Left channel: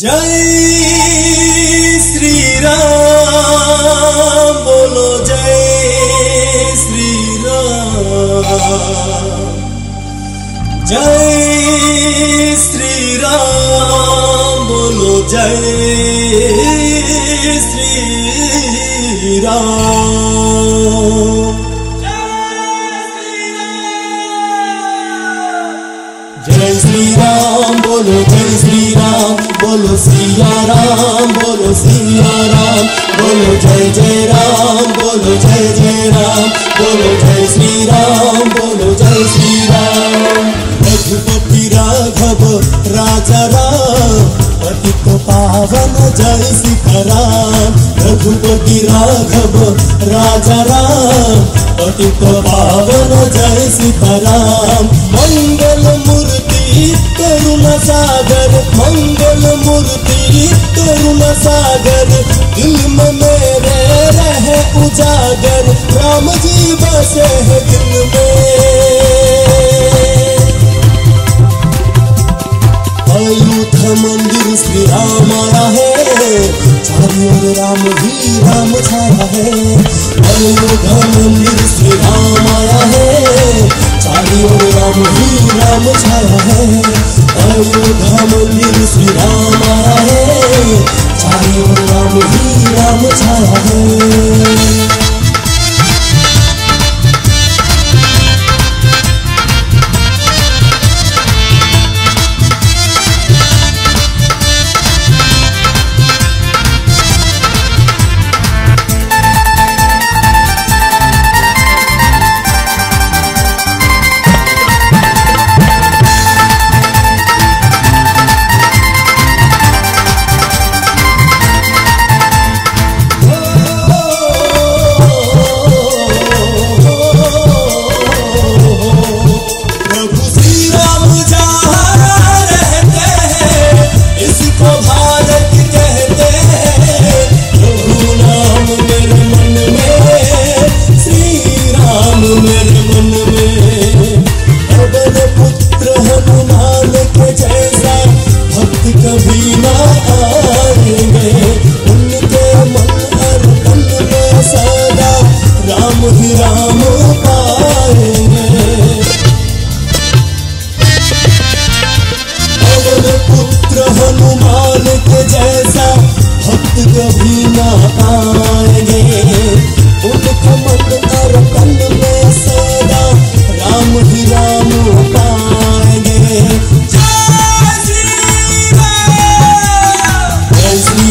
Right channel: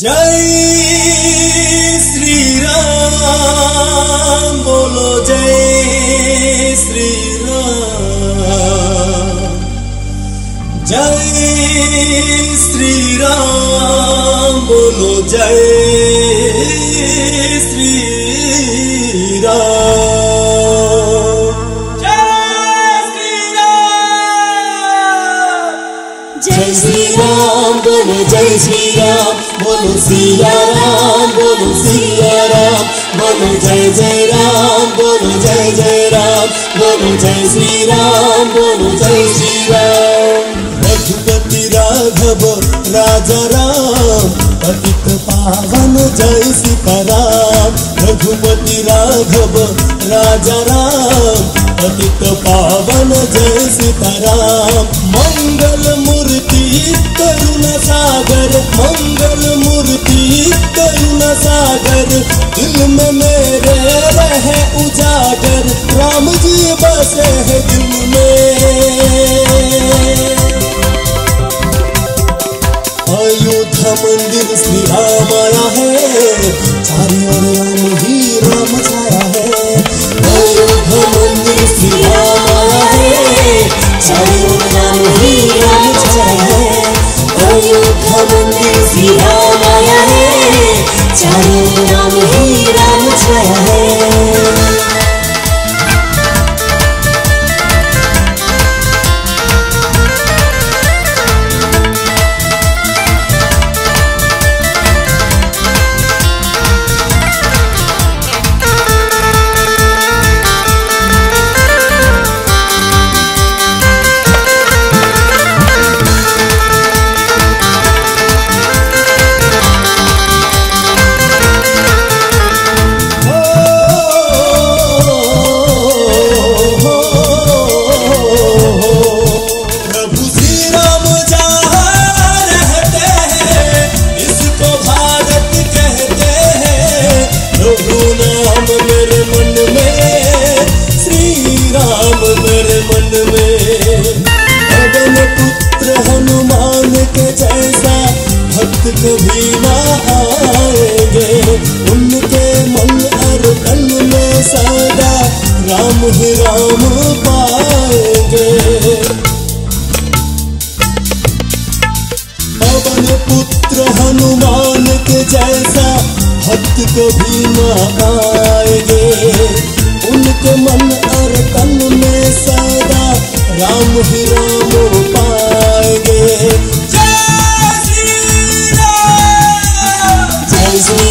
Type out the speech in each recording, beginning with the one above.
जय श्री राम बोलो, जय श्री राम। जय श्री राम बोलो, जय श्री राम। जय श्री राम बोलो, जय श्री राम बोलो, सिया राम बोलो, सिया राम बोलो, जय जय राम बोलो, जय जय राम बोलो, जय श्री राम बोलो, जय श्री राम। रघुपति राघव राजा राम, पतित पावन जय सीताराम। रघुपति राघव राजा राम, पतित पावन जय सीताराम। मंगल मूर्ति करुणा सागर, मंगल मूर्ति करुणा सागर, दिल में मेरे रहे उजागर, राम जी बसे है दिल में। अयोध्या मंदिर श्री राम आया है, चारों ओर राम ही राम छाया है। अयोध्या मंदिर श्री राम आया है, चारों ओर राम ही राम छाया है। अयोध्या मंदिर श्री राम आया है, चारों ओर राम ही राम छाया है। कभी ना आएंगे, उनके मन और तन में सदा राम ही राम पाएंगे। पवन पुत्र हनुमान के जैसा भक्त कभी ना आएंगे, उनके मन और तन में सदा राम ही राम पाएंगे।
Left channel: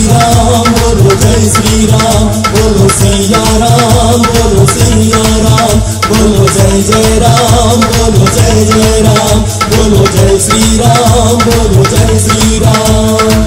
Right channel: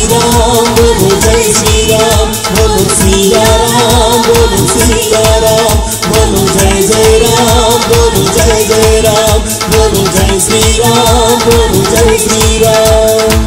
राम बोलो, जय श्री राम बोलो, सिया राम बोलो, सिया राम बोलो, जय जय राम बोलो, जय जय राम बोलो, जय श्री राम बोलो, जय श्री राम।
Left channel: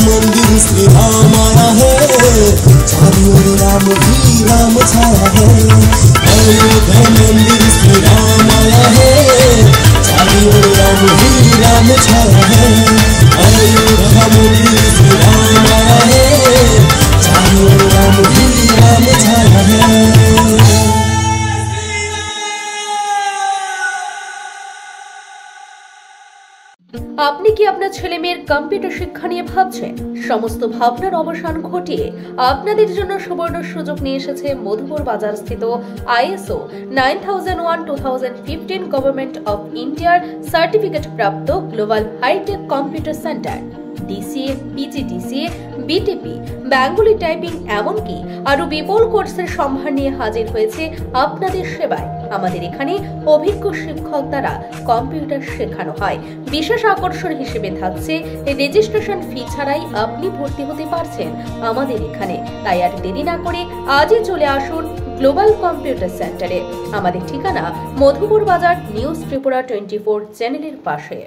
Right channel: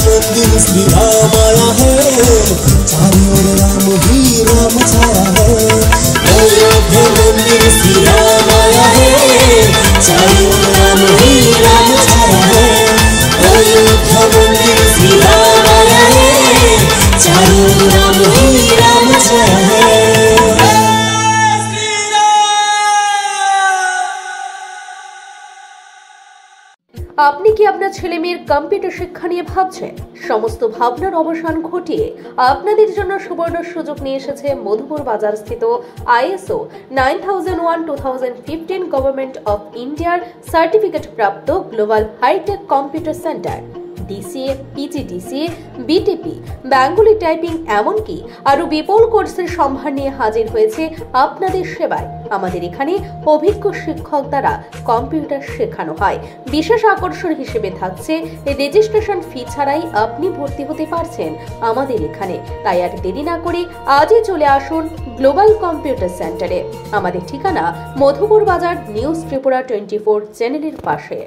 मंदिर श्री राम आया है, चारों ओर राम ही राम छाया है। अयोध्या मंदिर श्री राम आया है, चारों ओर राम ही राम छाया है। अयोध्या मंदिर श्री राम आया है, चारों ओर राम ही राम छाया है। আপনি কি আপনার ছেলেমেয়ের কম্পিউটার শিক্ষা নিয়ে ভাবছেন? সমস্ত ভাবনার অবসান ঘটিয়ে আপনাদের জন্য সুবর্ণ সুযোগ নিয়ে এসেছে মধুপুর বাজার স্থিত ISO 9001-2015 গভর্নমেন্ট অফ ইন্ডিয়ার সার্টিফিকেট প্রাপ্ত global hitech computer centre. DCA, PGDCA, BTP, Bengali typing এমনকি আরো বিপুল কোর্সের সম্ভার নিয়ে হাজির হয়েছে আপনাদের সেবায়। আমাদের এখানে অভিজ্ঞ শিক্ষক দ্বারা কম্পিউটার শেখানো হয়। বিশেষ আকর্ষণ হিসেবে থাকছে রেজিস্ট্রেশন ফি ছাড়াই আপনি ভর্তি হতে পারছেন আমাদের এখানে। তাই আর দেরি না করে আজই চলে আসুন গ্লোবাল কম্পিউটার সেন্টারে। আমাদের ঠিকানা মধুপুর বাজার, নিউজ ত্রিপুরা 24 চ্যানেলের পাশে।